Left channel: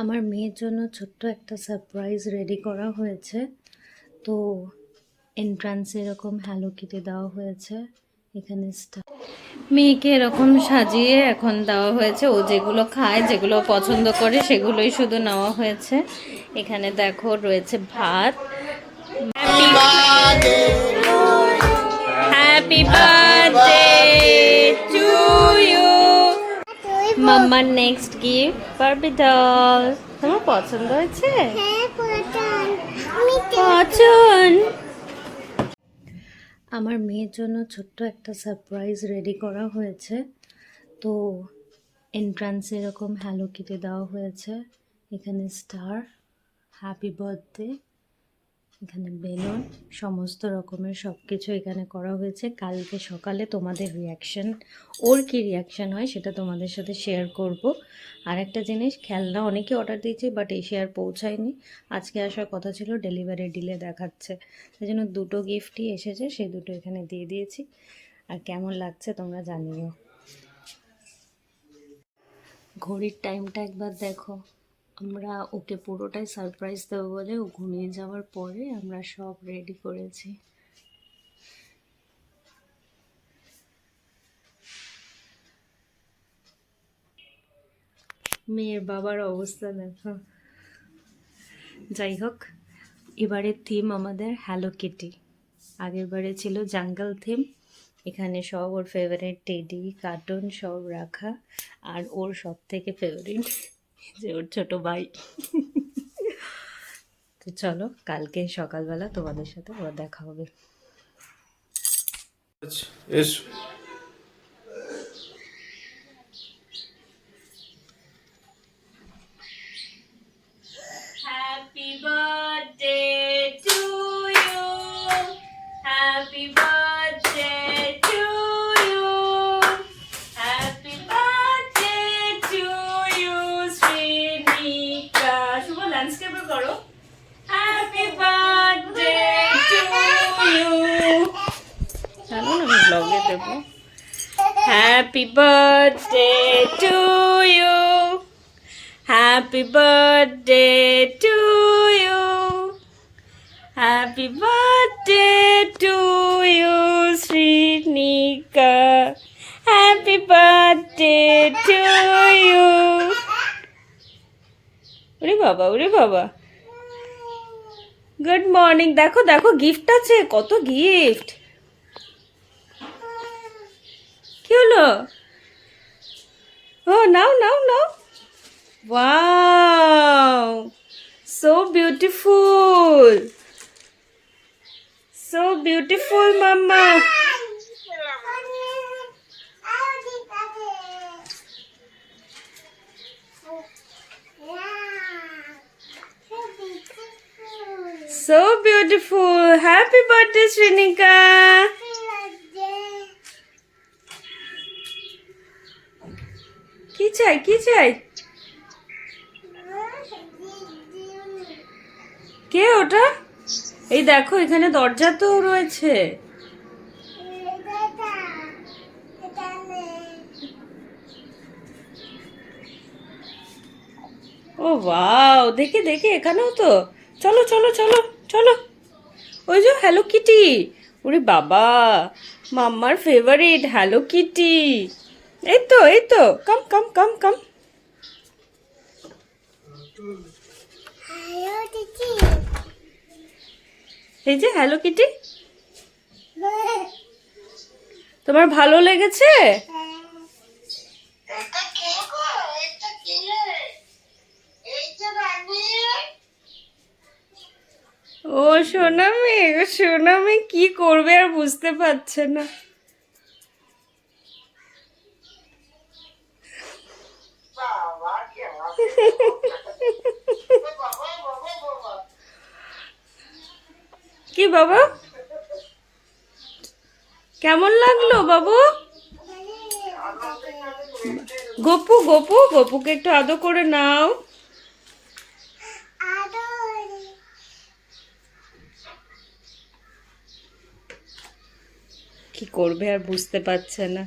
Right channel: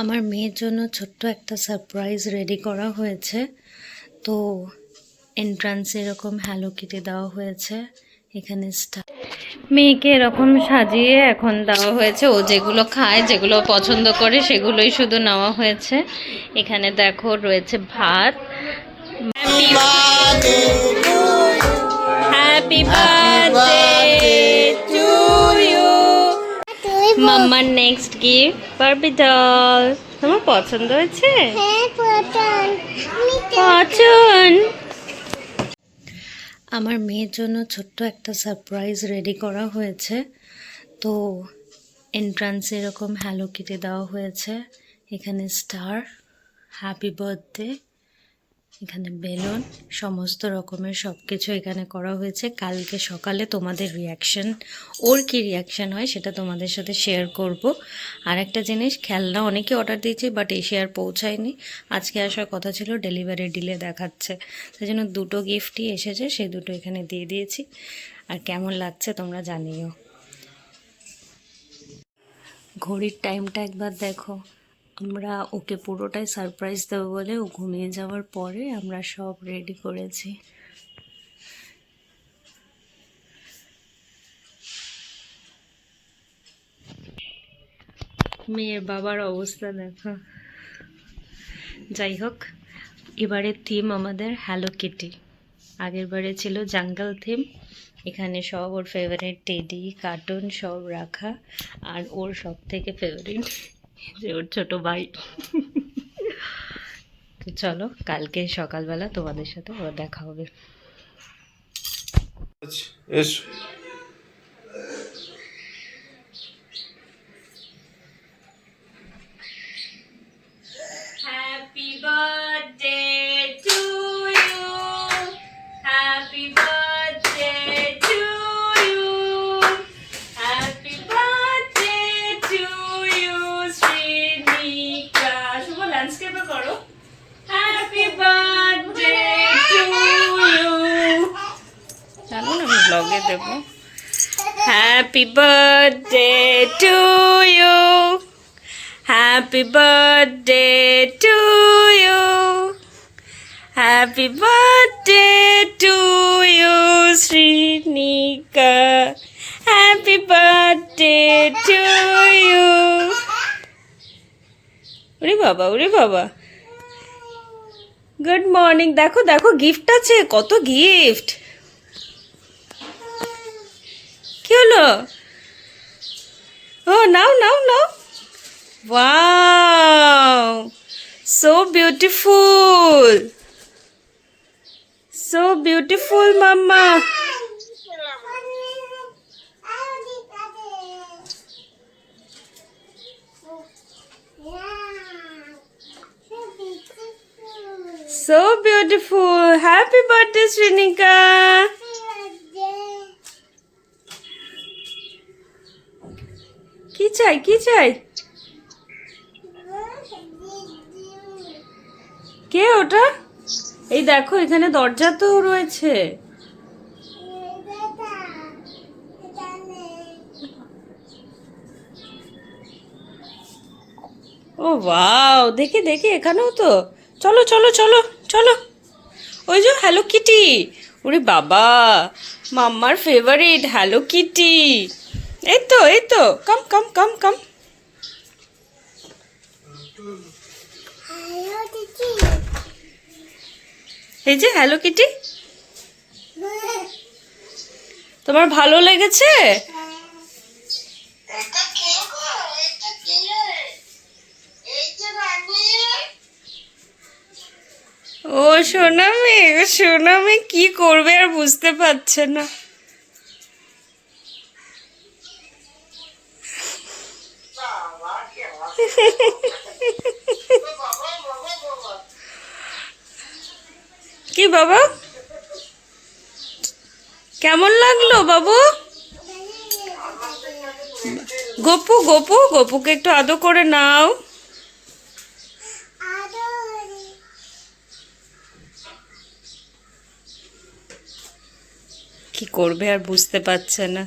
আমার মেয়ের জন্য ছোট্ট একটা সারপ্রাইজ রেডি করা হয়েছে। তো এন্ট্রান্সে এরকম হ্যালো কিটি দেওয়া হয়েছে, এখানে মেয়েকে এরকম সাজিয়ে এখন দেওয়া হয়েছে। ও যেগুলো খায়, যেগুলো পছন্দ করে সেগুলোই শুধু নেওয়া হয়েছে। এখানে দেখো রয়েছে ভাত। Happy birthday to you. মাম্মার নেক্সট গিফট বারবি ডল। তোমার পছন্দ হয়েছে? পছন্দ। আমার মেয়ের জন্য ছোট্ট একটা সারপ্রাইজ রেডি করা হয়েছে। তো এন্ট্রান্সে এরকম হ্যালো কিটি দেওয়া হয়েছে, এখানে স্টার, হ্যাপি বার্থডে, এখানে বেলুন, সমস্ত রকমের সব কিছু এখানে করা হয়েছে। কালকে সকালে তোমাদের রিয়াকশান, ওর কী রিয়াকশান হয় সেটা তোমাদের সাথে শেয়ার করব। আর একটা জিনিস, খেলনা অনেকে অর্ডার দিয়েছে বাট এসে আর পৌঁছায়নি। আজকে আসার কথা ছিল, ডেলিভারি ডিলে দেখাচ্ছে, সেই জন্য দুটো গিফটই এসেছে, সেই দুটো এখানে দিয়ে দিয়েছি। আর কেমন লাগছে তোমরা জানিও। ঘড়ির টাইমটা একবার দেখো। আমরা ওকে পুরোটাই সারপ্রাইজ দেবো বলে ও ঘুমিয়ে যাওয়ার পরে আমরা সব রেডি করেছি। মেয়ের বাবার অবস্থা দেখো। যাই হোক, এবারের থিম আমাদের হ্যালো কিটি। আগের বারে ছিল জাঙ্গল থিম। এখানে সব ওর ফেভারিট টেডি, কার্টুন সব রাখা। আর ওর সব থেকে ফেভারিট যে ওর ছোট ভাই। তো চলো, কালকে সকালবেলা তোমাদের সাথে আবার দেখা হবে। Happy birthday to you. Happy birthday to you. Happy birthday to you, Srinika. শুভ ল্যান্ডস্কেপে করো। Happy birthday to you. জানো না, আমি ব্লগে দেব। Happy birthday to you. Happy birthday to you. Happy birthday to you, Srinika. Happy birthday to you. ওরে বাবা, ওরে বাবা। Good morning. দেখো দেখো, গিফট আছে, কত গিফট। কি হলো? ও নাও নাও নাও। Wow, so beautiful. So beautiful, Mama. So beautiful. Happy birthday, Srinika. কি চাই, কি চাই? কে ওটা? এই দেখো, এখানে দরজা তো রয়েছে। ও ওয়াও, দেখি দেখি, এখানেও তো। চলো চলো চলো চলো। ওই যে হ্যালো কিটি। ওরে বাবা, মাম্মার ফেভারিট হ্যালো কিটি। এই তো এই তো, কাম কাম কাম কাম। এই যে হ্যালো কিটি। তোমার ভালো লেগেছে? ও সোনামে, ও সোনামে কি করবে আর বুঝতে পারছে না। কি বাবা, কেমন লাগলো বাবু? গপু গপু, গপুকে একটু আদর করে নাও। কি করবে আর বুঝতে পারছে না।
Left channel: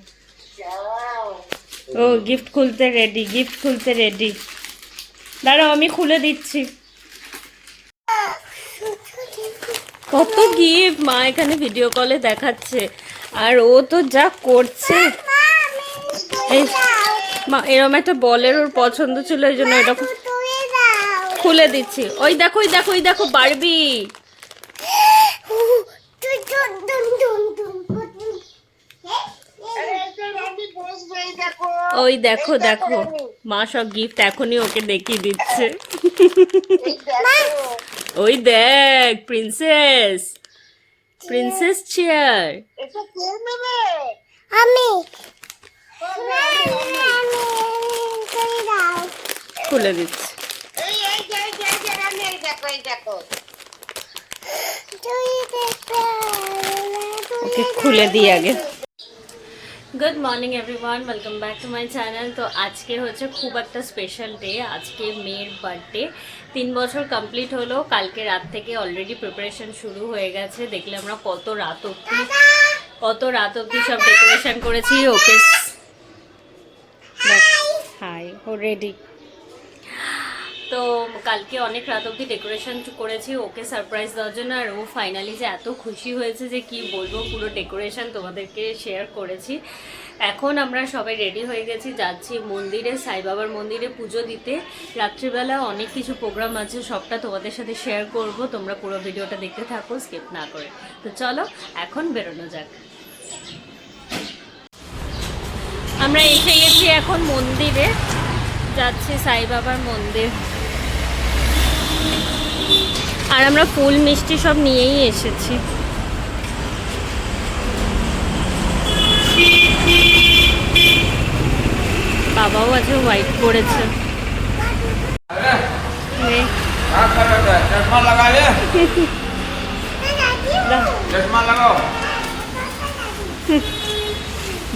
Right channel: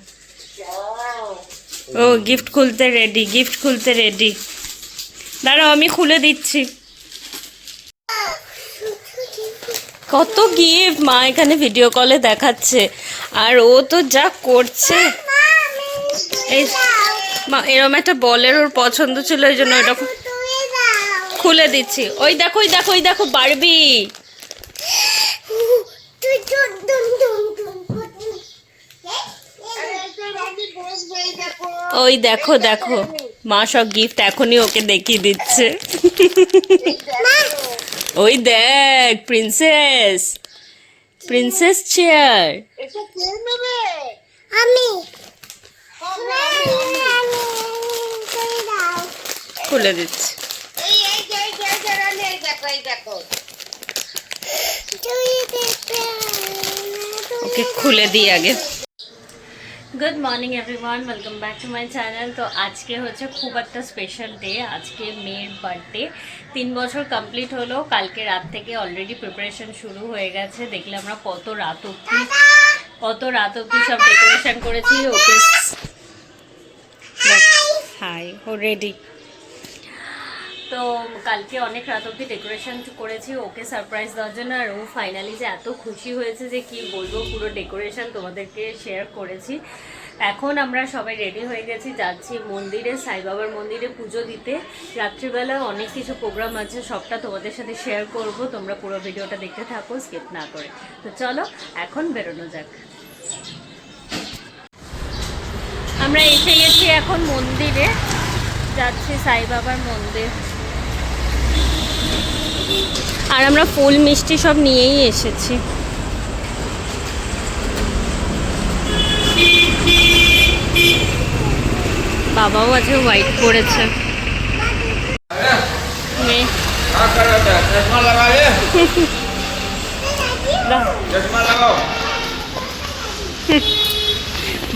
ও গিফট খুলতে রেডি, গিফট খুলতে রেডি। দাঁড়াও আমি খুলে দিচ্ছি। কত গিফট মা এখানে ভিডিও কলে দেখাচ্ছে, আর ও তো যা করছে। এই মা এরকম একটা বলের ওর পছন্দ ছিল, এই জন্য ওটা খুলে দিচ্ছি। ওই দেখো ওই দেখো ওই দেখো বারবি। ওই দেখো দেখো মা সব গিফট এখনই ওকে দেখিয়ে দিচ্ছে। ওই দেখ প্রিন্সেস, প্রিন্সেস চেয়ার। আমি খুলে দিচ্ছি। ওকে খুলে দিই আগে। Good morning everyone, welcome back to my channel. তো আজকে হচ্ছে খুব একটা স্পেশাল ডে। আজকে মেয়ের বার্থডে, 3 বছর কমপ্লিট হলো। কালকে রাত থেকে অলরেডি প্রিপারেশন শুরু হয়ে গেছে। দেখলে আমরা কত রাত অবধি সব ডেকোরেশন করেছি। ওকে হাই ও রেডি। তো কালকে অনেক রাত অবধি ডেকোরেশন করেছি ওকে সারপ্রাইজ দেওয়ার জন্য। আর ও ফাইনালি যে এত খুশি হয়েছে যে কি বলবো, পুরো ডেকোরেশন তোমাদেরকে শেয়ার করেছি। এখন আমরা সবাই রেডি হয়ে গেছি, যাচ্ছি মন্দিরে, সাই বাবার মন্দিরে পুজো দিতে। রাত্রিবেলা অনেক কিছু প্রোগ্রাম আছে, সবটা তোমাদের সাথে শেয়ার করব। তোমরা পুরো ভিডিওটা দেখতে থাকো স্কিপ না করে। তো চলো এখন বেরোনো যাক। আমরা এসে গেছি এখন মন্দিরে, যাচ্ছি সাই বাবার মন্দির। আর আমরা ফুল মিষ্টি সব নিয়েই এসেছি। বাবাও আজকে হোয়াইট পরেছে।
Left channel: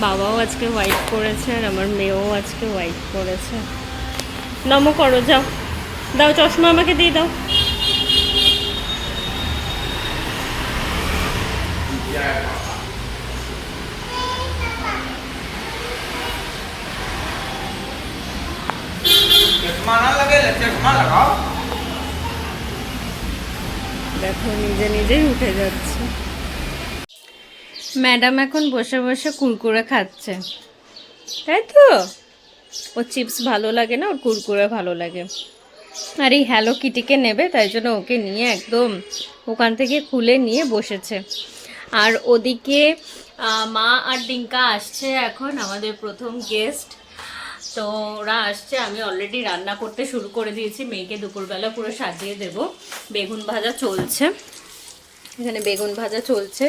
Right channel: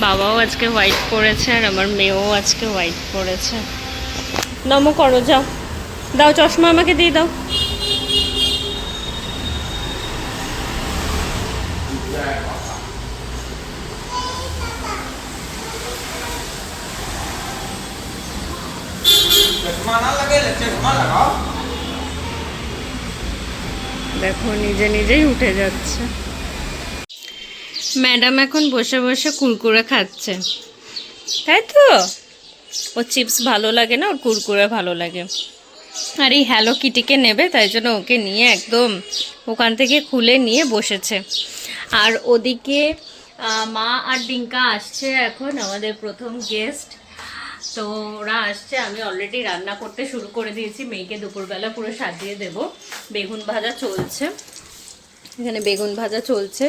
বাবাও আজকে হোয়াইট পরেছে আর আমার মেয়েও আজকে হোয়াইট পরেছে। নমো করো, যাও দাও চশমা আমাকে দিয়ে দাও। দেখো নিজে নিজেই উঠে যাচ্ছে। ম্যাডাম এখন বসে বসে কুরকুরে খাচ্ছে, তাই তো? ও চিপস ভালো লাগে না, ওর কুরকুরে ভালো লাগে। আর এই হ্যালো কিটিকে নেবে, তাই জন্য ওকে নিয়ে একদম ওখান থেকে খুলে নিয়ে বসেছে। আর ওদিকে মা আর ডিঙ্কা আসছে এখন, আমাদের প্রথম গেস্ট। তো ওরা আসছে, আমি অলরেডি রান্না করতে শুরু করে দিয়েছি। মেয়েকে দুপুরবেলা পুরো সাজিয়ে দেব। বেগুন ভাজা চলছে, এখানে বেগুন ভাজা চলছে,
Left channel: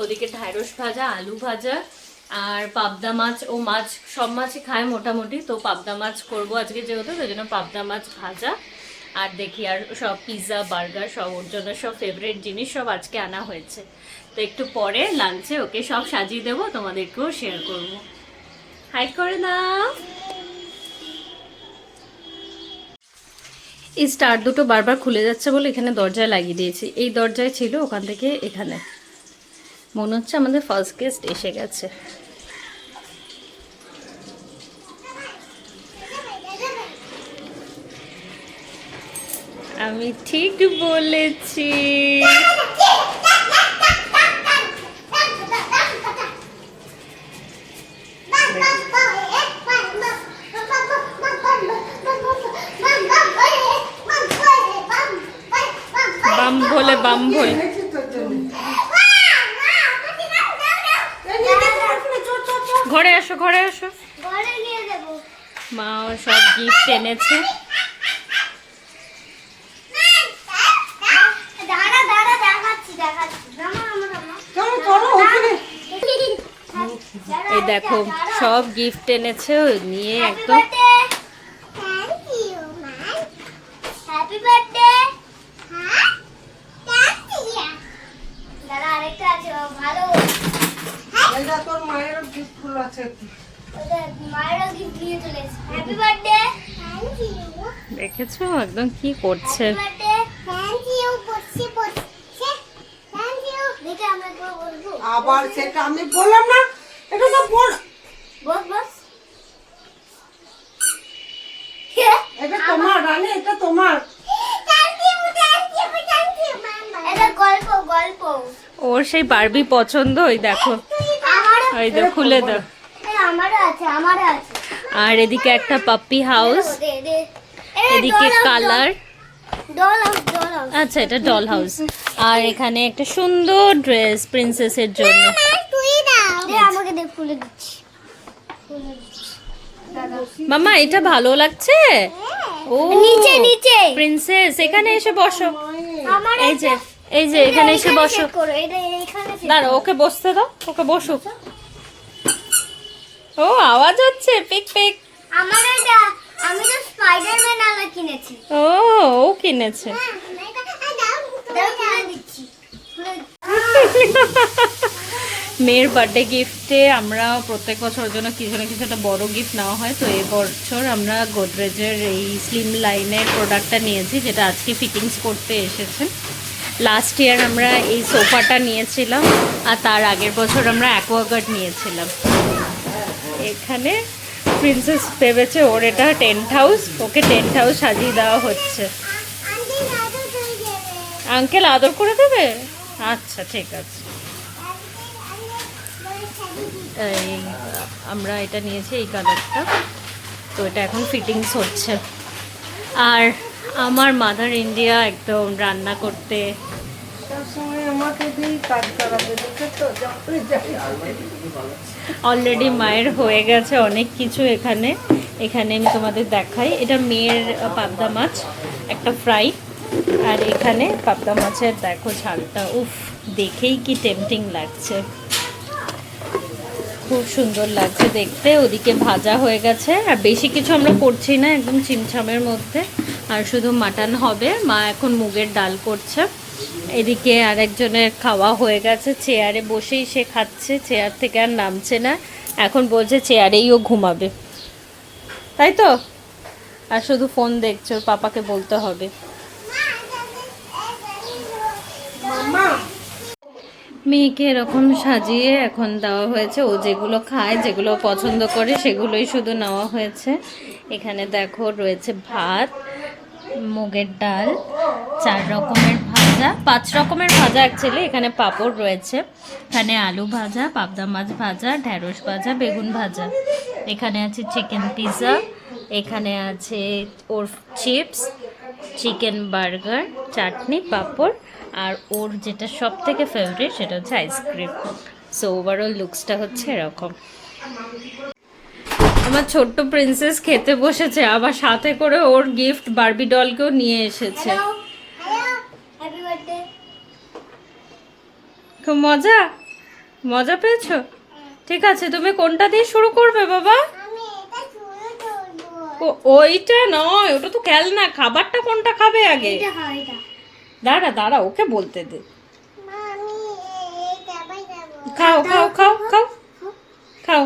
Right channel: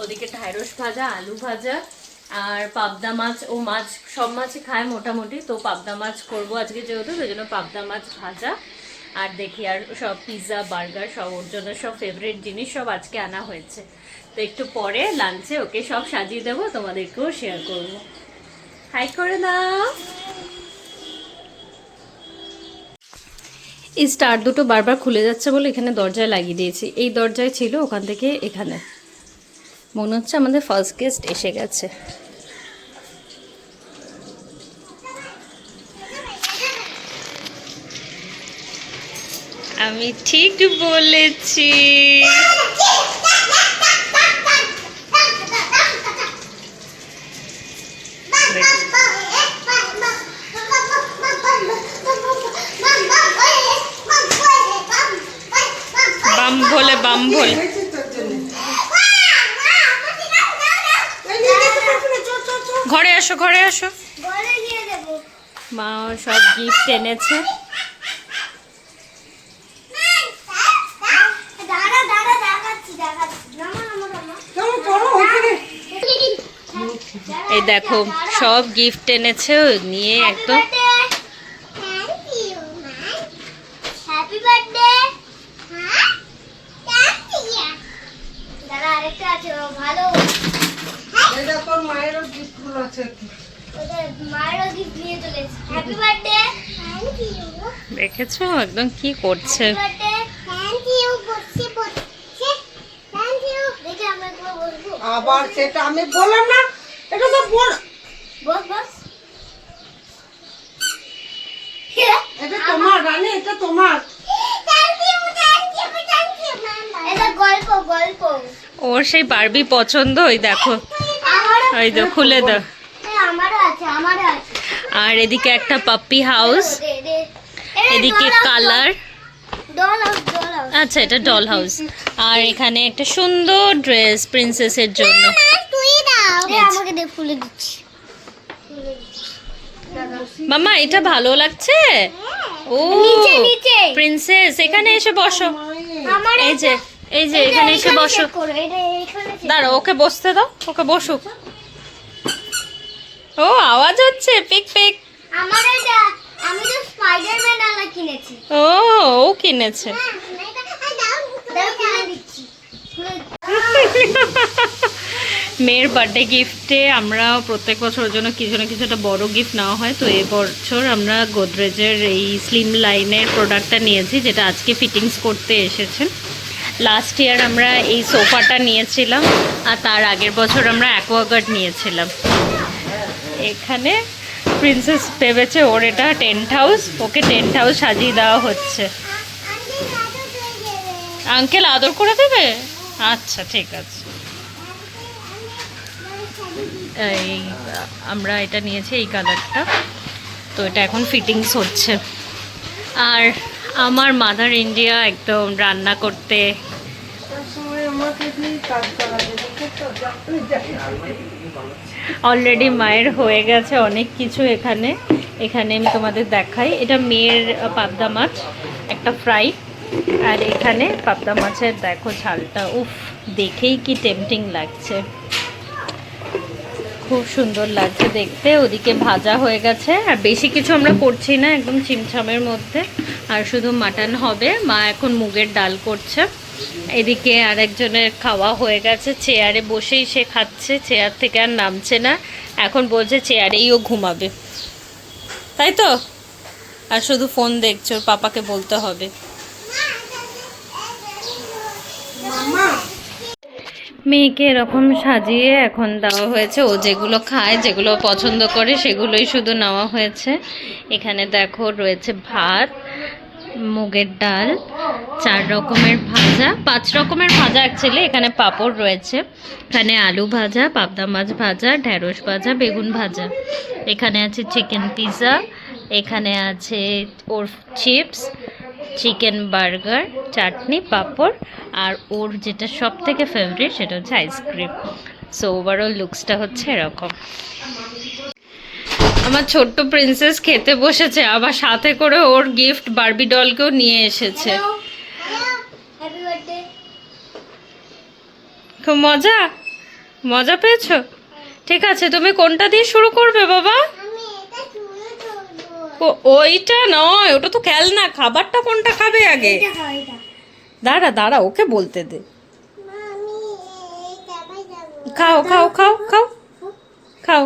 ওদিকে ঢ্যাঁড়স ভাজা, আলু ভাজা আর পাবদা মাছ। ও মাছ সব মাছই খায় মোটামুটি, তো পাবদা মাছ করবো আজকে যেহেতু, ওই জন্য পাবদা মাছ ভাজা। আর দেখি আর সব পিৎজা বার্গার সব ওর জন্য সব ফেভারিট জিনিস সব আজকে আনা হয়েছে। তো একটু পরে লাঞ্চে ওকে সব সাজিয়ে দেবো, তোমাদেরকেও শেয়ার করব। হাই করে দাও। এই স্টার দুটো বারবার খুলে যাচ্ছে বলে এখানে দরজায় লাগিয়ে দিয়েছি। এই দরজায় ছিল, ওখান থেকে এখানে। মনে হচ্ছে আমাদের ফার্স্ট গেস্ট এসে গেছে। আমি ঠিক বলেছি। বাম ভোলে বাম ভোলে। ঘরে আসো ঘরে আসো। মা সব গিফট এনেছে। এই দেখো সব গিফট এনেছে, নিয়ে একদম দেখেছো একদম কি করছে। আবার সেটা আমি বললাম না, এটা তো বল বস বস, এটা তোমার রানী, ওর সেই বারবি পছন্দ, ওই দেখো, ওই তো খুলে দাও। আর এদিকে একটা পাপ্পি হাউস, এদিকে কালার, আচ্ছা এটা ডল হাউস। আর এখানে একটা সুন্দর ড্রেস প্রিন্সেসের জন্য। মামা এটা ভালো লাগছে? ও প্রিন্সেস, এখানে এসে বসো। এই যে এখানে এসে বসো। দাঁড়াও, ওকে বসতে দাও, ওকে বসুক। ও আওয়াজ হচ্ছে পিক পিক। আমি তো স্পাইডারম্যান আলা কিনেছি। ও কিনেছে। মেয়ের বার্থডে গিফটে আমরা প্রত্যেক বছর ওর জন্য কিছু না কিছু একটা বড় গিফট নেওয়া হয়। তো এবছর আমরা গোদরেজের এই স্লিম লাইনের প্রোডাক্টটা নিয়েছি, যেটা আজকে ফিটিংস করতে এসেছেন। লাস্ট ইয়ার আমরা এই সোফাটা নিয়েছিলাম, আর তার আগের বছর আমরা অ্যাকোয়াগার্ড নিয়েছিলাম। এখানে প্রিন্সেস ভেবেছে ওর এটা টেন্ট হাউস, ওকে টেন্ট হাউস সাজিয়ে দেওয়া হচ্ছে। আঙ্কেল আদর করে দেবে? আচ্ছা ঠিক আছে। এই আমরা এটা নিয়েছি এই কালারটা, তো এটা এখন ফিটিংস হচ্ছে। আর আমার মাদার ইন্ডিয়া একদম রান্না করতে অলরেডি মায়ের হয়ে গেছে অনেক কিছু। এখানে আমি তোমাদের দেখাই, এটা মেয়ের পাবদা মাছ একটা ফ্রাই, আর এখানে পাবদা মাছের দেখো ঝালটা, উফ দেখেই কি টেম্পটিং লাগছে, খুব সুন্দর লাগছে দেখতে। ওদিকে ভাজা হয়ে গেছে, আর বেশি কিছু আমরা করছি না, একদম চিমচামের মধ্যে। আর শুধু মাটন হবে। মা এখন মুগের ডাল করছে। এদিকে আরেকজনের খাওয়া হয়ে গেছে, চেয়ারে বসেই সে খাচ্ছে, চেয়ার থেকে আর নামছে না। এখন বলছে চেয়ারেই ও ঘুমাবে, তাই তো? আর শুধু ফোন দেখছে, ওর পাপাকে বলতে হবে। মেয়েকে এরকম সাজিয়ে এখন দেওয়া হয়েছে। ও যেগুলো খায়, যেগুলো পছন্দ করে, সেগুলোই শুধু নেওয়া হয়েছে। এখানে দেখো রয়েছে ভাত, মুগের ডাল, 4 রকমের ভাজা, 5 রকমের ভাজা অ্যাকচুয়ালি। এখানে পাঁপড় রয়েছে, এখানে আলু ভাজা, পাবদা মাছ ভাজা, ঢ্যাঁড়স ভাজা, বেগুন ভাজা। এখানে আছে চিকেন পিৎজা, এখানে আছে ওর চিপস, চিকেন বার্গার, চাটনি, পাঁপড়, আর ওর যেটা সব থেকে ফেভারিট সেটা হচ্ছে আইসক্রিম। সো ওভারঅল লুকসটা হচ্ছে এরকম। আমার ছোট্ট প্রিন্সেস খেতে বসেছে, আবার সাথে করে ওর গিফট বারবি ডলকেও নিয়ে এসেছে। খুব মজা পেয়েছো? ঠিক আছে, তুমি কোনটা দিয়ে শুরু করবে বাবা? ওইটা নয়, ওটা তো খেলনা। খাবারটা কোনটা খাবে আগে? দাঁড়া ওকে বলতে দে। খাও খাও খাও খাও খাও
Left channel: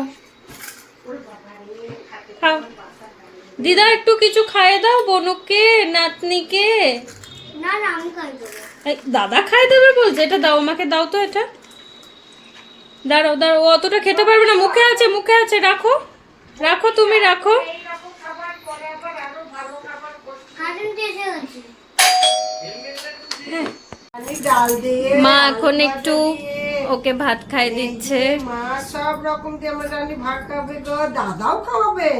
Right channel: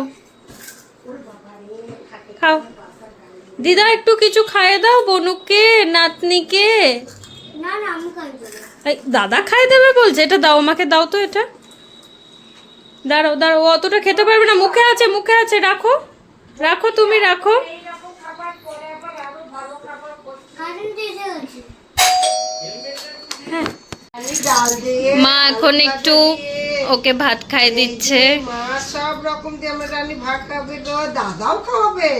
খাও। দিদা একটু কিছু খাইয়ে দাও বনুকে, নাতনিকে। দাদা খাই দেবে বলছে, এটা দাও আমাকে, দাও তো এটা। দাঁড়াও ও অতটা খেতে পারবে না, মুখে আছে, রাখো তুমি রাখো। মা এখন একটু ওকে ভাত খাইয়ে দিচ্ছে। মা সব রকম দিয়ে আমার রানী ভাত খাবে গো, দাদাও খাওয়াবে।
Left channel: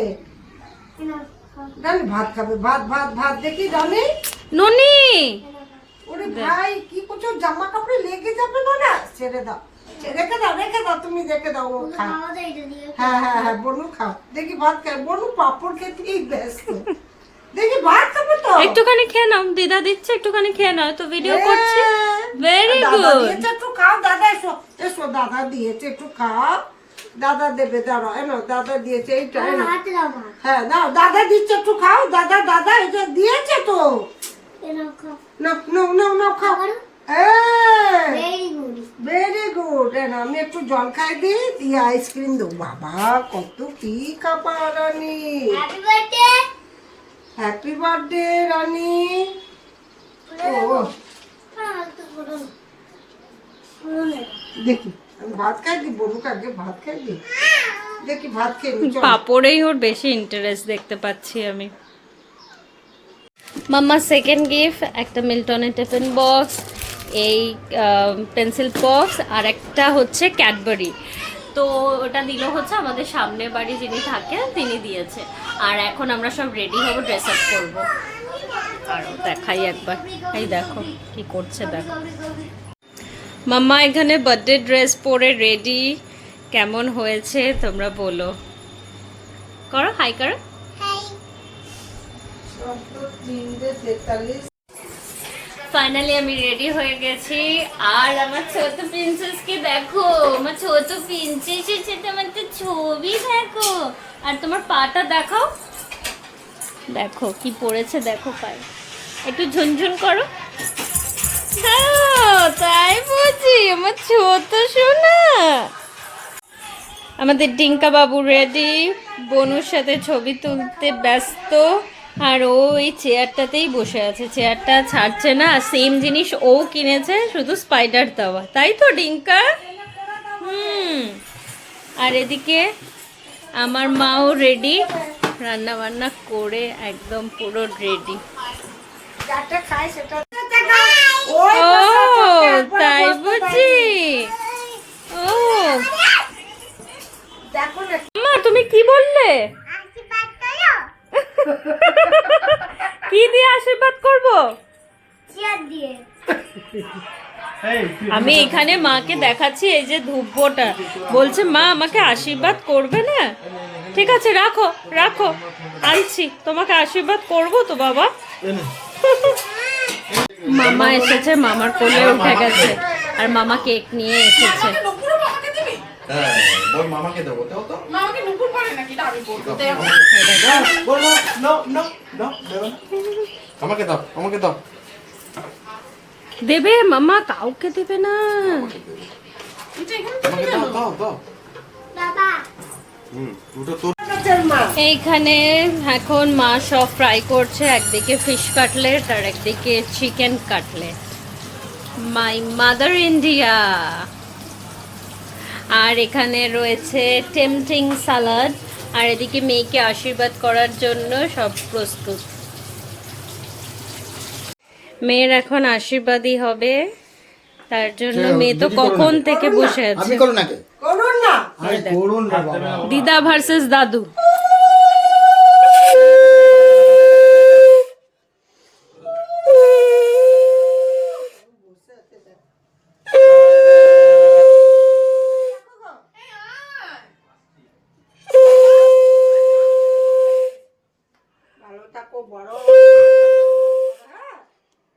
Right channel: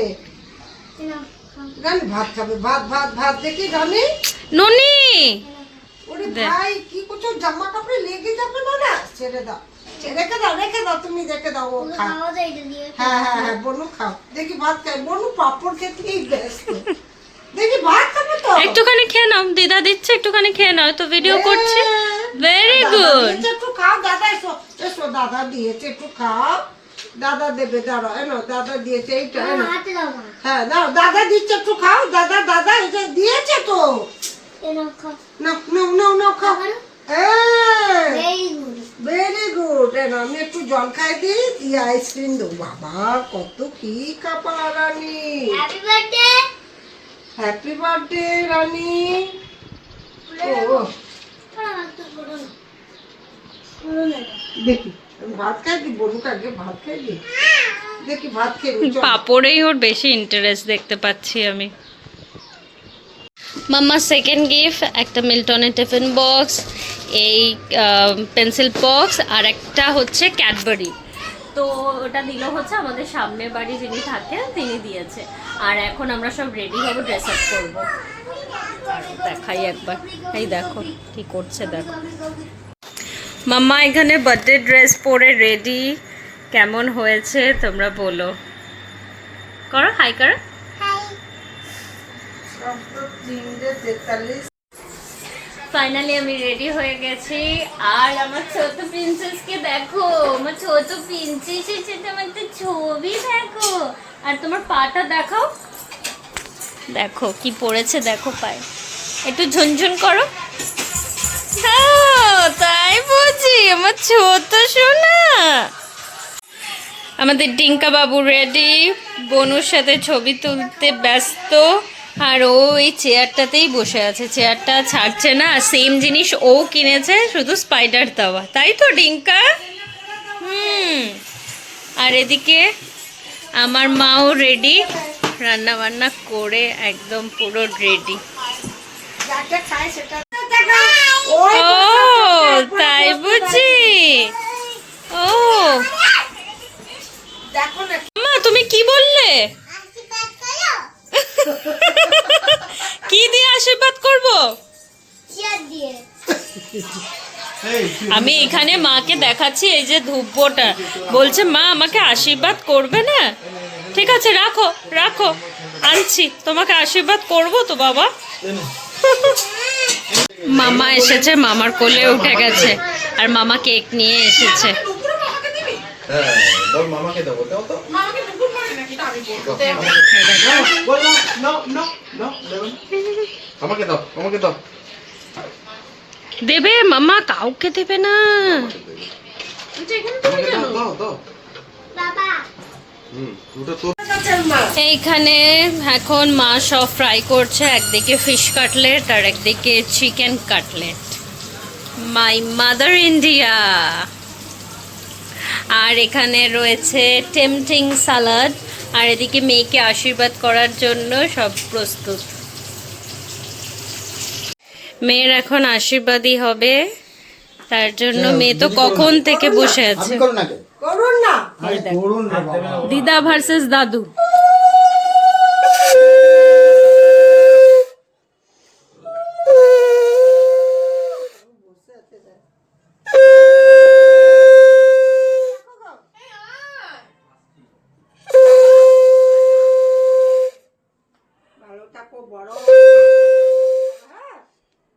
রানী ভাত খাবে, ভাত দেখি রানী। ননি ওরে ভাই কি করছো, জামা কাপড়ে লেগে যাবে না? ছেড়ে দাও, রেখে দাও, তুমি রেখে দাও, ও খা। হ্যাঁ বনু খাও, দেখি ভাত খাই। বনু পাপড় খেতেই ব্যস্ত, দেখি ভাত খাবো তো। একটুখানি খেয়ে নাও, দিদা দিচ্ছে, একটুখানি খেয়ে নাও, তো ভিডিও করছি। Very good. একটু খাও, দাদা এসো দাদা দিয়েছে, একটু খাও। দাদা দেবে, দাঁড়াও, এনো দাদা দিয়েছে এইটা, এনো। হ্যাঁ দাও, দাদা দিচ্ছে, একটু খাও। দাদা এটা দিয়েছে তো, নাও খাও। Very good. আমি একটু জল খাই দিয়ে আইসক্রিম দেবো। বাবা কত কি খাবার রানী। হ্যাপি বার্থডে রানী। ও দেখি ভাত খাই দি, বলুক আগে ভাত খাই দি, দেখি ভাত খেয়ে নি। পাপড়েই ওর বেশি ইন্টারেস্ট দেখতে পাচ্ছি আমি। মাম্মার সেকেন্ড গিফট একটা মিল্টনের টিফিন বক্স। এই পেন্সিল বক্স আর একটা হচ্ছে ক্যাডবেরি। তো ওটা দিল হচ্ছে আমাদের সামনের বাড়ি যিনি থাকেন তিনি দিয়েছে। আর এখন আমরা সব রেডি হব, ড্রেস আপ করবো। আর দেখাই একবার, এই দেখো কি করছে দেখো। মাম্মা এখানে বার্থডে ড্রেস পরে রেডি। কেমন হয়েছে তোমরা বলো, করো হাই করো। ফাইনালি আমি রেডি হয়ে গেছি। আর আমার ছোট প্রিন্সেসকে দেখো, আমার ছোট প্রিন্সেসের সাথে আমার তো ছবি দেখো। আর তোমার পাটা দেখাও, দেখো কি পড়েছে দেখো পায়ে, একটু ঝুনঝুন করো। তাই বুঝি আমার ছোট সোনা। আমাদের ডিঙ্কা বাবু রেডি, বনুর সাথে ছবি তুলতে ব্যস্ত। আর ও এই চেয়ারটাতেই বসে আছে, চেয়ারটা ছাড়ছে না। সেম জিনিস ও কিনেছে, শুধু স্পাইডার তাওয়া, তাই তো ডিঙ্কা? আর এদিকে আমার মাও রেডি, রান্না বান্না করে একদম পুরো রেডি। ও তাই বুঝি? ও মা তুমি কি বললে? কি দিয়ে আশীর্বাদ করব? আমি এখানে মাকে দেখাচ্ছি এই যে ধূপটা, বলছে মা আমাকে আশীর্বাদ করবে না। ঠিক আছে রাখো রাখো, আনছি, তোমাকে আশীর্বাদ করব তো বাবা। মামা এসেছে, মামার কোলে উঠে গেছে, আর মামা কেক নিয়ে এসেছে। দেবে মামা, কাউকে দেবে না। এইখানে এখন মা সব ফ্রাই করছে, একদিকে ফিশ কাটলেট আর একদিকে chicken cutlet. My mother India. আর এখানে রয়েছে টেম্পটিং সালাড, আর এদিকে মেয়েকে আশীর্বাদ করার জন্য সব প্রস্তুত। মেয়ের এখন আশীর্বাদই হবে, তার জন্য মেয়ে তো কখন থেকে বসে আছে। দিদা ভার্সেস দাদু।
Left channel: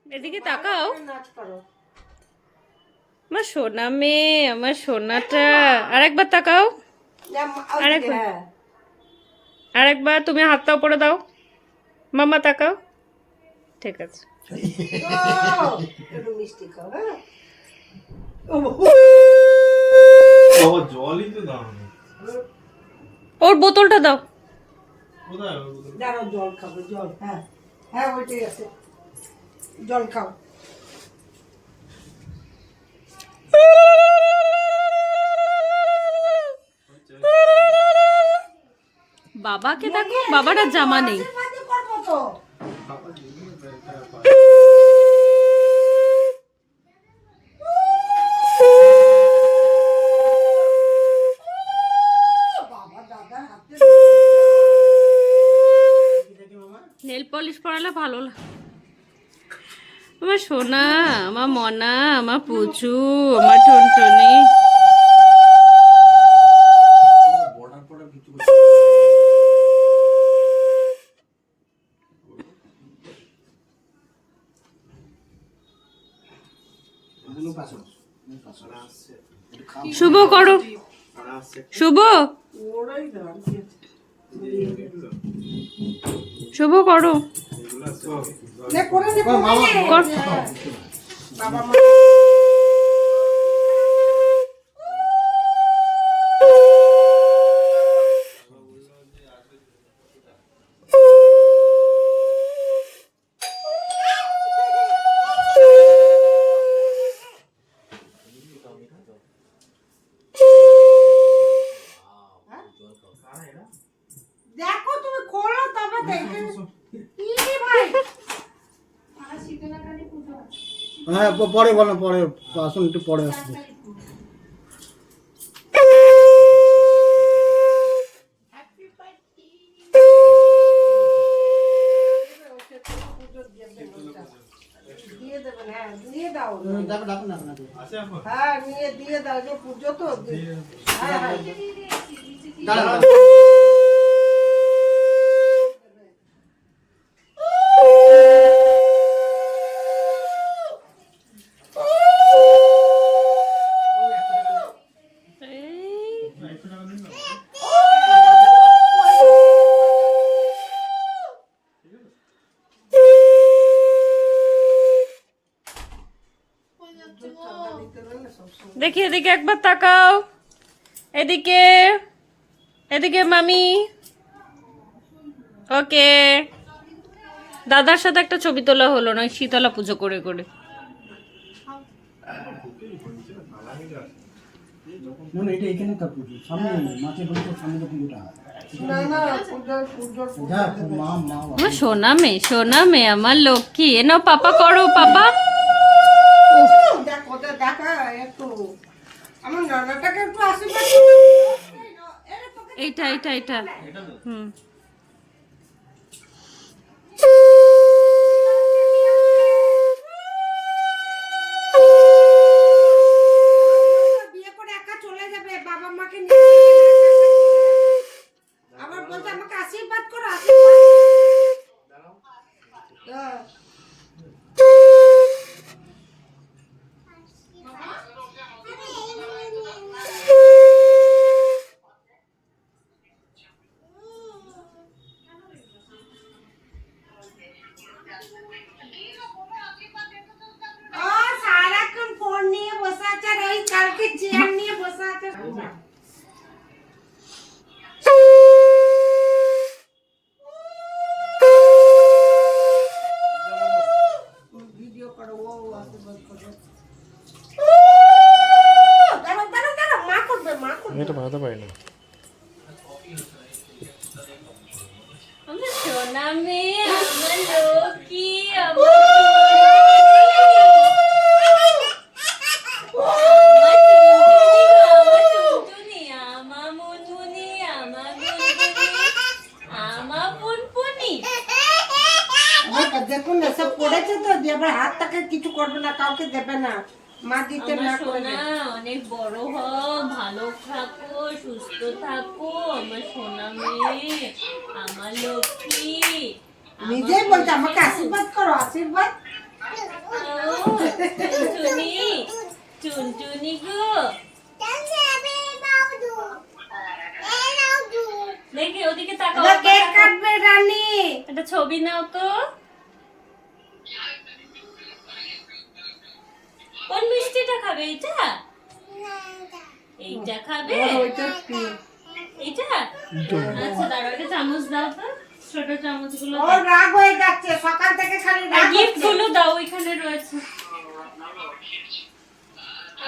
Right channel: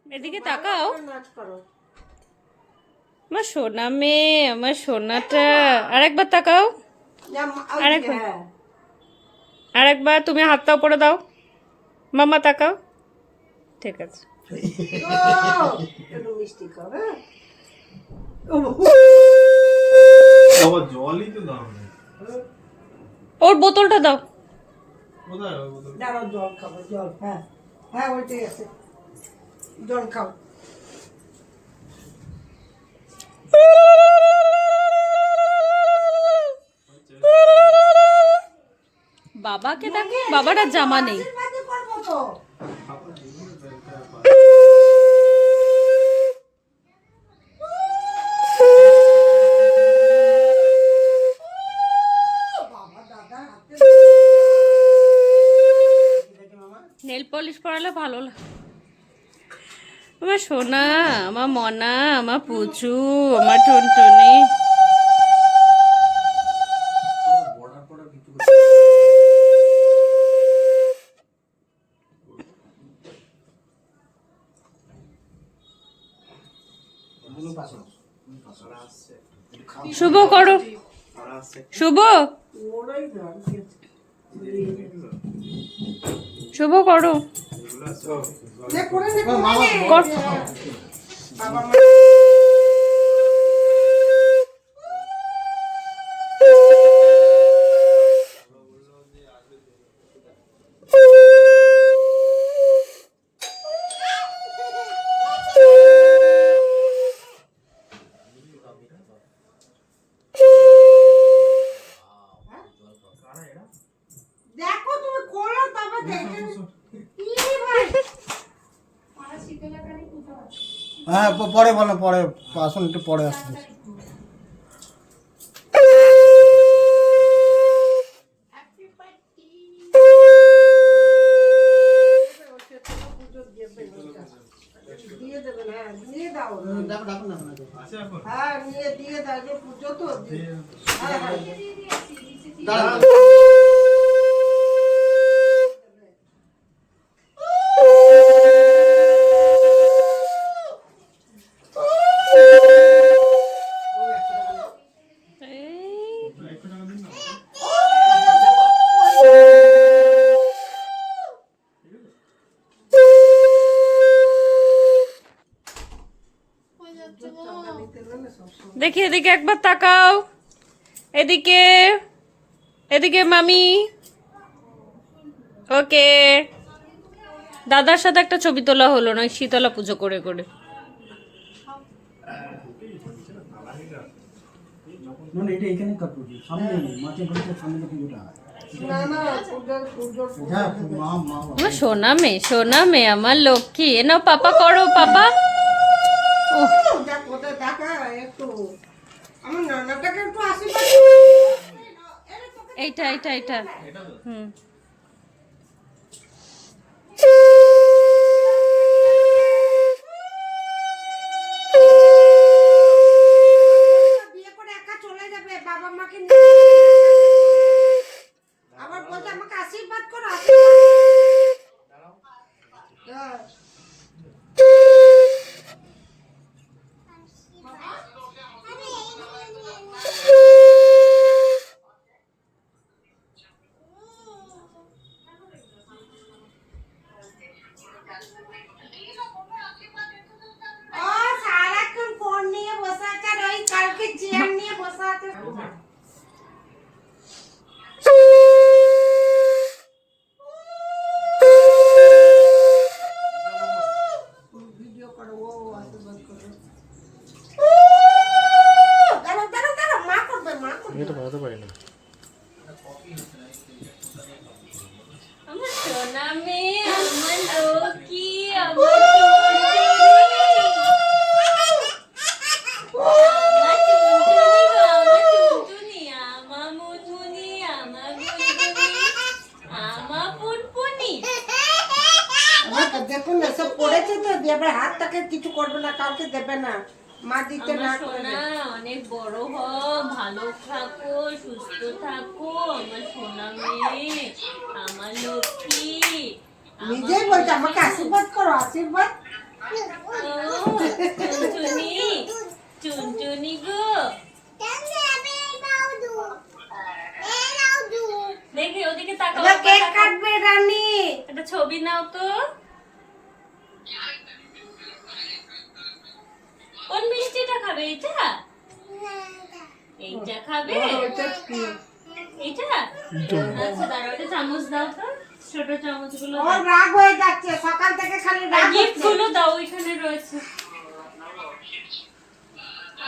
এদিকে তাকাও, আমার সোনা মেয়ে, আমার সোনাটা। আরেকবার তাকাও, আরেকবার তুমি হাতটা উপরে দাও, মামা তাকাও। ঠিক আছে, ওর বোতলটা দাও। জল খাবো, জল। হ্যাঁ হ্যাঁ ওইটাই আছে, জল খাও। বাবাকে দেখো, বাবার আর জামা নেই। নেল পলিশ পরালে ভালো লাগে। আমার সোনা, আমার মনা, আমার পুচু, আমার টুনটুনি। শুভ করো, শুভ শুভ করো, কর। দেখো তুমি খোলো, তারপর দেখে। ভাই হ্যাঁ পরে বলো, পরে আসুন, একটু পরে আসুন। দিয়ে দেবেন, হ্যাঁ দিয়ে দাও। ডাকুন ডাকুন ডাকুন। হ্যাঁ নিয়ে দিয়ে দাও, যে পুজো তো হ্যাঁ হ্যাঁ দাঁড়ান। দেখি এদিকে একবার তাকাও, এদিকে এদিকে মামি। ওকে, দাদার সাথে একটা ছবি তোলা হলো না শীতলা পুজো করে করে। না না, এটা এখানে কাটবো, সামনে মাছের বলতে সামনে তো পুজোটা হয়। না না পুজোর হ্যাঁ মা মা আমার সোনা মেয়ে আমার লক্ষ্মী। এ নাও পাপা করো, পাপা। দেখ ওদের দেখা একটু আমার নানাটাকে একটু আশীর্বাদ এইটা এইটা এইটা হুম। বিয়ে করে একা চলে যাবে, বাবা মাকে নিয়ে আবার বলতে আমাকে আশীর্বাদ করো, হ্যাঁ। ও সারাক্ষণ ফোন নিয়ে বসে আছে, আর ওই কালকে চেয়ার নিয়ে বসে আছে। ভিডিও করো, ও আশীর্বাদ করো। দাঁড়াও দাঁড়াও দাঁড়াও, মা করবে, মা করবে। এটা বানাতে পারি না। আমার সোনা মেয়ে, আমার লক্ষ্মী, আমার টুনটুনি, আমার মুনমুনি, আমার বুলবুলি, আমার পুনপুনি। দেখুন না, সব পড়েছে তো, দিয়ে আবার হাতটাকে কিছু করবে না, কাউকে দেবে না, মা দিতে না আমার করবে। সোনা অনেক বড় হও, ভালো থাকো, সুস্থ থাকো, আমার সোনা মেয়ে, আমার লক্ষ্মী। নিজেই বলছে আমাকে আশীর্বাদ করো, আশীর্বাদ। ও, টুনটুনি, টুনটুনি গো। দেখি ওদিকে তাকাও, এবার একবার কেক তাকাও। কাটবে রানী। একটা ছবি নাও তো। কোন মিষ্টিটা খাবে? এইটা এইটা খাবে? ওইটা প্রিয়। এইটা আচ্ছা দাঁড়াও, একটা চামচ দাও তো, ছোট চামচ গুলো। ওর রাগ হয়ে যাচ্ছে, সকাল থেকে খালি রাগ গিফট হচ্ছে। গুলো দাও, ওইখানে রয়েছে।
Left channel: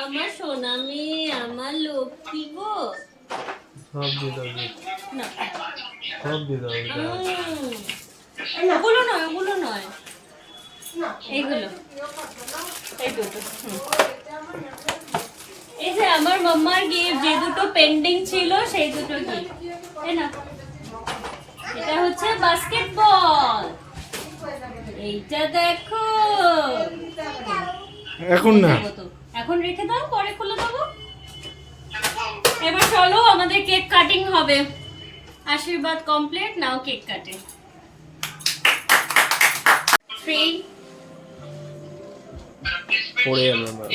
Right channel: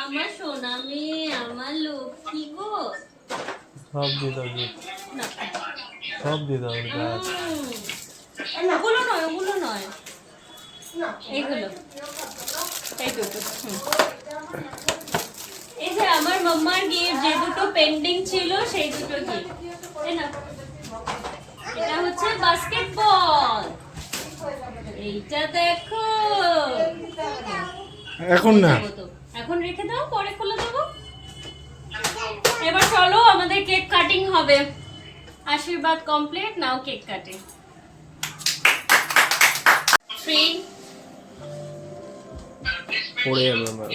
আমার সোনা মেয়ে, আমার লক্ষ্মী গো। সব দিয়ে দাও, না সব দিয়ে দাও। ওগুলো নয়, ওগুলো নয়, না, এইগুলো, এই দুটো। এই যে আমার মাম্মার গিফট, যে দুটো পেন্ডিং ছিল সেই দুটো গিফট। এই না, এটা হচ্ছে বাস্কেটবল। এইটা দেখো। এখন না, দেবো তো। এখন রেখে দাও, পরে খুলে দেবো। এবার চলো, আমাদের কেক কাটিং হবে। আশীর্বাদ কমপ্লিট, নাও কেক কাটিং। 3 পড়ে যাবে আমার।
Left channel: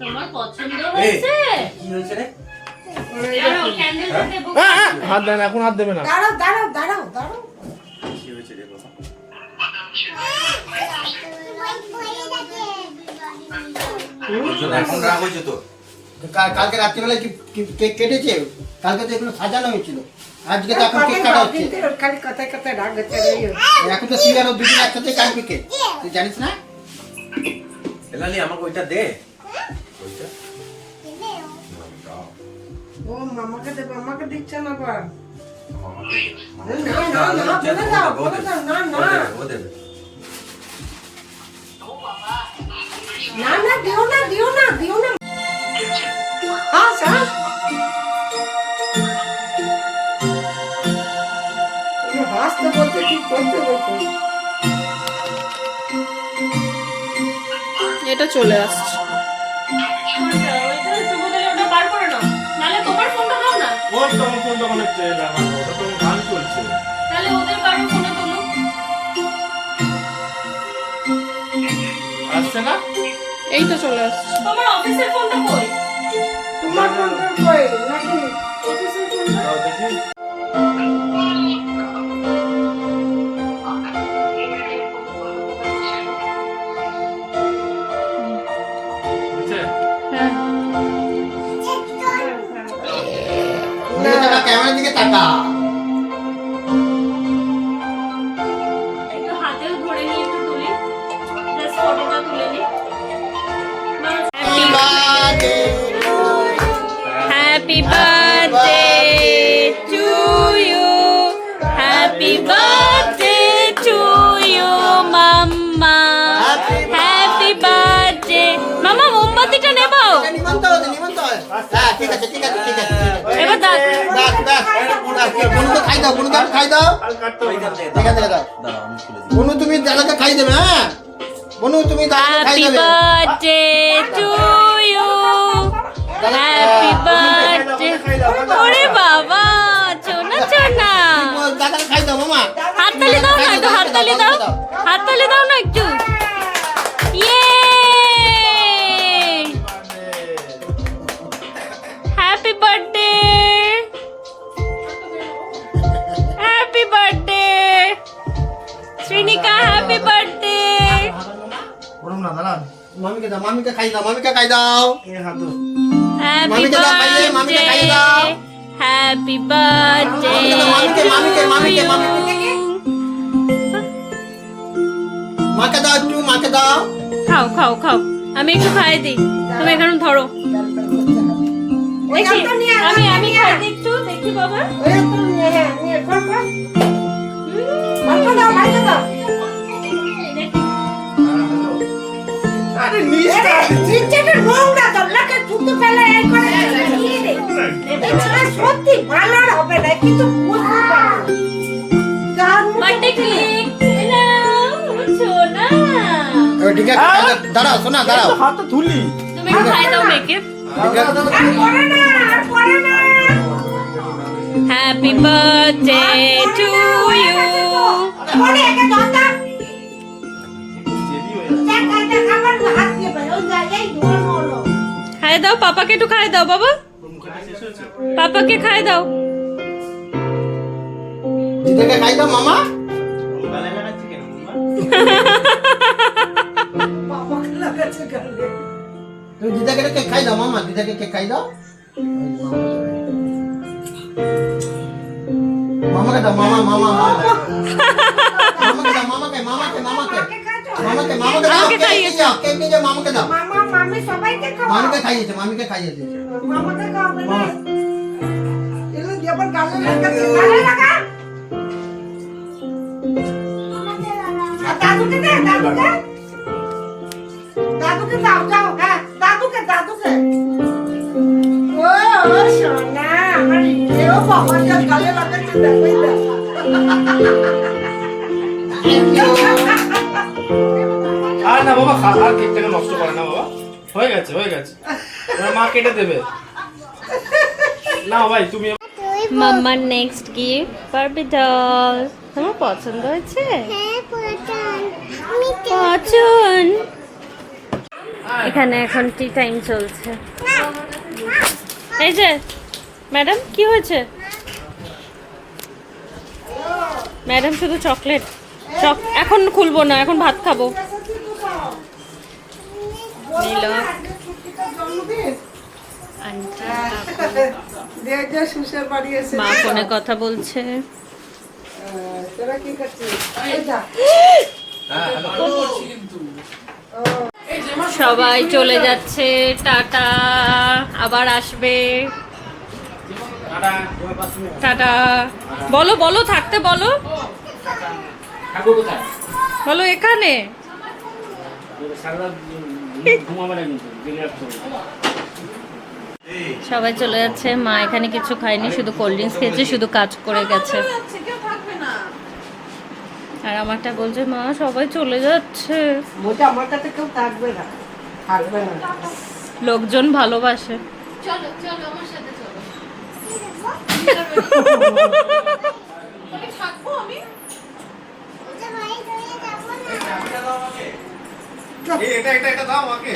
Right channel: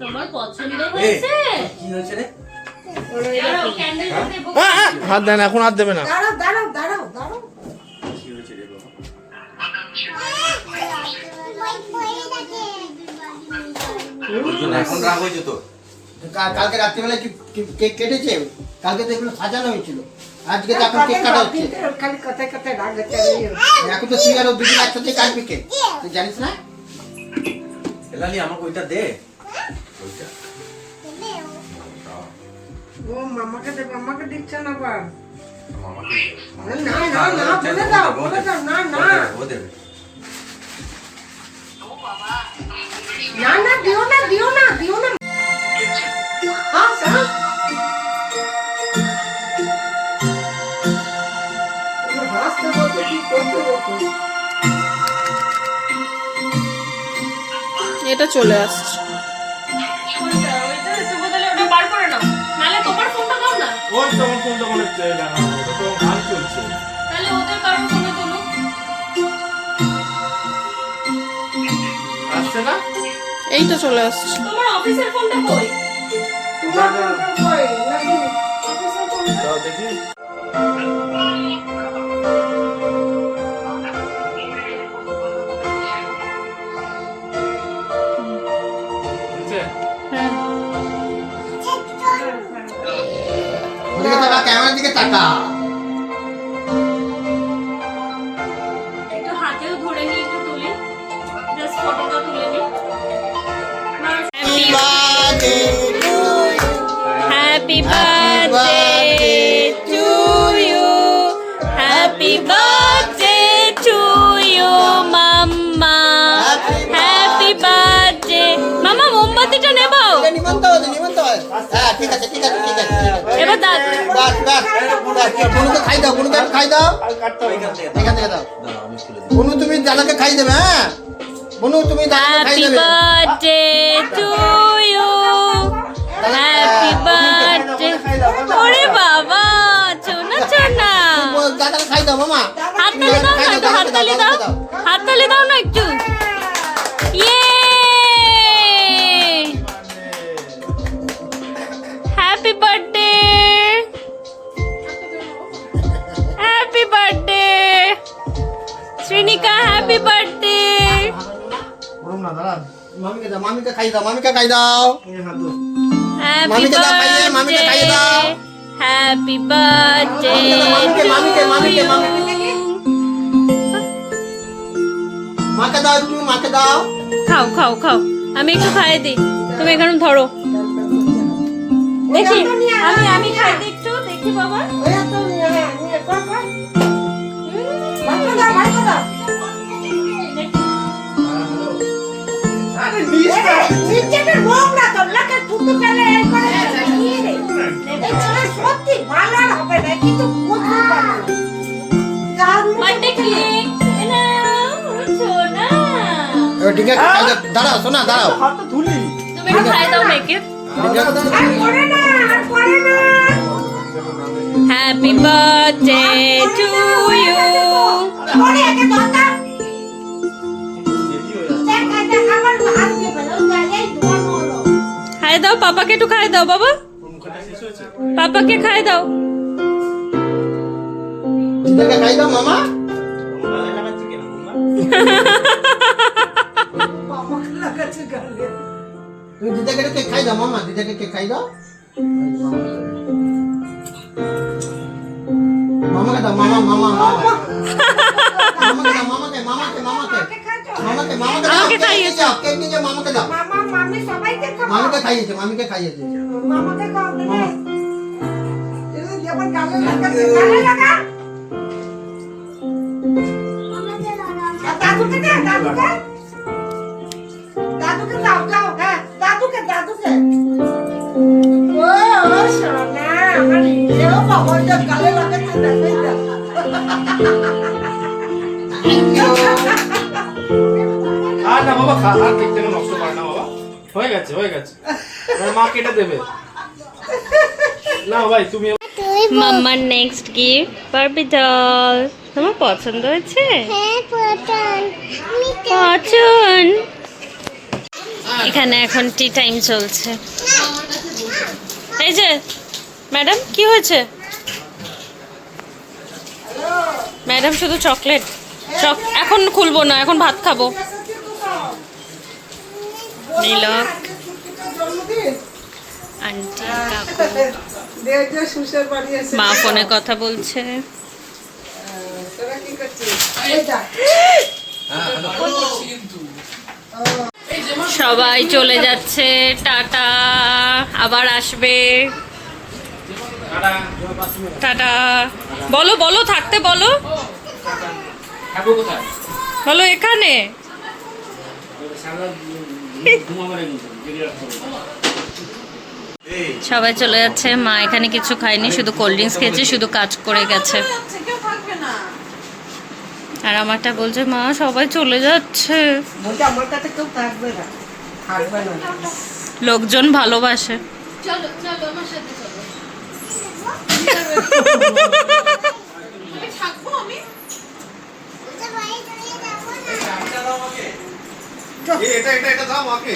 তোমার পছন্দ হয়েছে? কি হয়েছে রে? দাঁড়াও, ক্যান্ডেল দেবো। হাত দেন, এখন হাত দেবে না। দাঁড়াও দাঁড়াও দাঁড়াও দাঁড়াও। কি হয়েছে রে বাবা? এখন রাগ হয়েছে তো। কালকে রাত্রিবেলায় কেক কেটেছে, কালকে তো এগুলো সাজানো হয়েছিল, আজকে তো এখন কেক কাটা হচ্ছে। খালি কথায় কথায় রাগ হচ্ছে। এখন তো সিঙ্গার দুদিন একসাথে কাটবে কেক, তুই জানিস না? এলালি আমাকে ওইটা দে। ওইটা ও মামাকে দেবে, আমাকে দিচ্ছে না বা। মামাকে দে। না না না বলে দাও বলে দাও না না ও দেবে। না না দিও না দিও না দিও না হ্যাঁ স্যার হাসতে বলতে কি করতে বলতে এটা চলে আসছে। ওই তোমার ফোনটা মানে লাগানো, ওটা তো গান চলছে। আসছে না? এইটা চলে আসছে। দাও দেখি। হচ্ছে? হ্যাঁ দিকে তাকা, ক্যামেরার দিকে তাকা। একটু হাতেও ধরে নিই, একটু তুলি, জাস্ট ফটোটা তুলে নিই। Happy birthday to you, happy birthday to you মাম্মা, হ্যাপি বার্থডে। মামা মোমবাতিটা নেব? নিমন্ত্রণ হয়েছে, নিমন্ত্রণ হয়েছে। হ্যাঁ, ঠিক আছে, ঠিক আছে, ঠিক আছে, ঠিক আছে। এবার দাঁত বাস, বাস। বনুকে খাই দাও, বনুকে একটু খাই দাও। ওইখান থেকে এখান থেকে দাও। দাঁড়াও, আমি খুলে দিই। বনু, তুমি দাদাকে খাই দেবে, হ্যাঁ? বনু, তুমি দাদাকে খাই হ্যাপি দেবে। Birthday to you, happy birthday. ওরে বাবা, চোনা চোনা। দাদাকে খাই দাও, মামা। হাততালি দাও না, একটু হাততালি দাও, হাততালি দাও না একটু। ইয়ে, happy birthday, happy birthday Shreenika, happy birthday. বলুন না, দাঁড়ান। মামিকে দাও, মামিকে খাই দাও, মামিকে খাই দাও। এই হাত ধরো। হ্যাপি মামিকে দাও, খাইয়ে, মামিকে খাইয়ে বার্থডে, দাও। হ্যাপি বার্থডে মামিকে, টু মামিকে, ইউ। মাকে দাও একটু, মাকে দাও। খাও খাও খাও, আমি একটু খাইয়ে দিই, তুমি এখানে ধরো। দেখি, আমি খাই দিই একটু, দেখি বাবা। ওই তো নিয়ে নিয়ে কর কর মাথা দাও মাথা দাও আরে নিচেটা নোংরা তো লাগে থুতু ফেলে এই করে নিয়ে রে এই সত্যি ভালো আর হবে না কিন্তু বুঝতে পারো বার্থডে কেক নাও সোনা, এবার ঠিক আছে, দাঁড়াও, শোনা, দাঁড়াও। হাতটা তুলি। তুমি একটু খাই দাও মেয়েকে। আর করে না আর করে না হ্যাপি বার্থডে টু ইউ। করে একে দাদা দেরি হয়ে যাচ্ছে। দেখ দেখ আমার হাত দিয়ে ভালো এই ধর হলো খাই দাও, পাপাকে একটু খাই দাও বাবা, মুখটা শেষ হয়েছে? পাপাকে খাই দাও। দিদাকে খাই দাও, মামা। আমার গালে লাগাচ্ছি কেন, মামা? বাবা লাগাচ্ছে গালে তুমি দিদাকে কেক খাই দাও, মামা, দিদাকে কেক খাই দাও। মামাকে দাও, মামা, মামা, মামাকে দাও, মামাকে, মামাকে, মামাকে, কে খাচ্ছো মামাকে, মামাকে দাও, আমাকে কেক খাইয়েছে। নিয়ে যাও, কেক নিয়ে যাও, মামাকে দাও। মামা মামি সবাইকে খাও মামিকে খাইয়েছে, মামিকে খাইয়েছে। মামাকে খাও না এলো যেমন গালে লাগাচ্ছে গালে লাগা আর দাদুকে দে দাদুকে দাদুকে দাও যাও হ্যাঁ দাদুকে দাদুকে ও ও সোনা আমার এও বাবা যা গালে লাগাচ্ছে দেখই না আর না বাবা, আর কেকটাকে নষ্ট করে না বাবা। হয়ে গেছে, হয়ে গেছে। এবার মা কেটে দেবে। না ভাই, তুমি মাম্মার নেক্সট গিফট বারবি ডল। তোমার পছন্দ হয়েছে? পছন্দ। এখানে এখন টি টাইম চলছে। এই যে ম্যাডাম, কি হয়েছে? ম্যাডাম শুধু চকলেট এখন খুলবো না, এখন ভাত খাবো। নীলক, আন্টি, কাকু, দেখ যে সুশের বাড়ি এসে মা ফোনে কথা বলছে। তোরা কি করছিস এই যা সবাই চলে যাচ্ছে, টাটা, আবার আসবে, টাটা। বলো বলো থাকতে বলো থাকবো কোথায়? বলো এখানে। সারা ঘুমাবে না কিন্তু বেরিয়ে আসতে হবে। সবাই চলে যাচ্ছে, মা এখানে কিছু খায়নি, শুধু কোল্ড ড্রিঙ্কস খেয়েছে, শুধু কাজ করে গেছে। আর আমারটা বলছে মা সবাই চলে যাচ্ছে। বলছে আমার কাছে কেউ থাকবে না, থাকবে না। লোকজন ভালোবাসে। চলো চলো আমার সাথে চলো। আমি থাকবো আমি। এটা দাও আমাকে।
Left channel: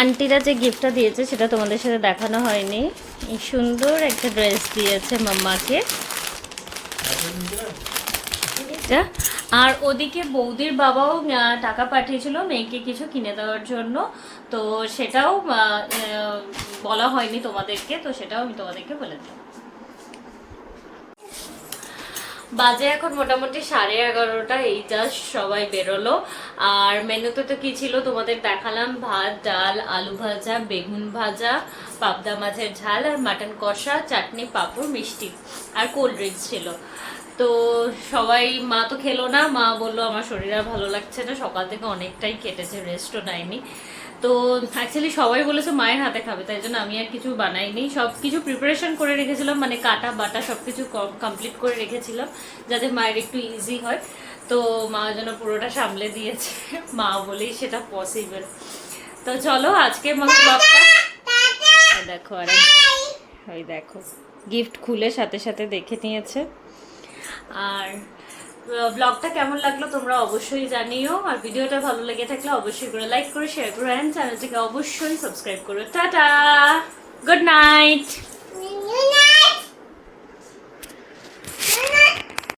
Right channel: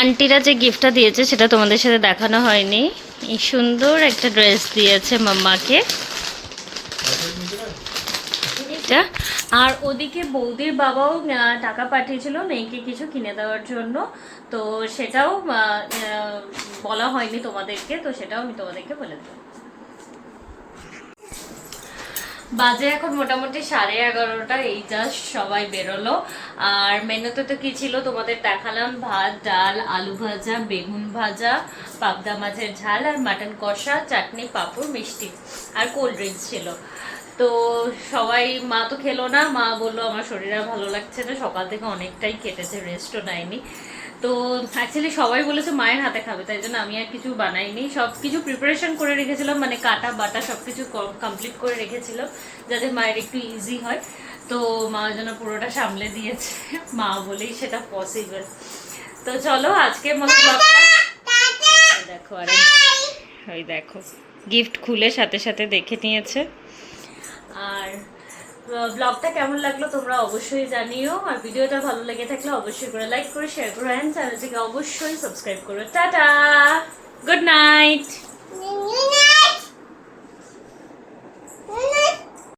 আন্টিরা যে গিফটটা দিয়েছে সেটা তোমাদের সাথে দেখানো হয়নি। এই সুন্দর একটা ড্রেস দিয়েছে মাম্মাকে এটা। আর ওদিকে বৌদির বাবাও টাকা পাঠিয়েছিল মেয়েকে কিছু কিনে দেওয়ার জন্য, তো সেটাও বলা হয়নি তোমাদেরকে, তো সেটাও আমি তোমাদেরকে বলে দিলাম। বাজে এখন মোটামুটি 11:30, এই জাস্ট সবাই বেরোলো। আর মেনুতে তো কি ছিল তোমাদের দেখালাম, ভাত, ডাল, আলু ভাজা, বেগুন ভাজা, পাবদা মাছের ঝাল আর মাটন কষা, চাটনি, পাঁপড়, মিষ্টি আর কোল্ড ড্রিঙ্কস ছিল। তো সবাই, মা তো খেলো না, মা বললো আমার শরীর আর ভালো লাগছে না, সকাল থেকে অনেকটাই কেটেছে, রেস্টও নেয়নি। তো অ্যাকচুয়ালি সবাই বলেছে মায়ের হাতে খাবে, তাই জন্য আমি আর কিছু বানাইনি, সব কিছু প্রিপারেশন করে রেখেছিলাম, মানে কাটা বাটা সব কিছু কমপ্লিট করে রেখেছিলাম যাতে মায়ের একটু ইজি হয়। তো মা যেন পুরোটা সামলে দিয়েছে, মা বলেই সেটা পসিবল। তো চলো আজকে মতো ব্লগটা দেখো, আর ওই দেখো গিফট খুলে সাথে সাথে দেখে নিয়েছে। আর ব্লগটা কেমন লাগলো তোমরা অবশ্যই জানিও, আর ভিডিওটা ভালো লেগে থাকলে অবশ্যই করে লাইক করে শেয়ার করো, অ্যান্ড চ্যানেলটিকে অবশ্যই সাবস্ক্রাইব করো। Tata, good night.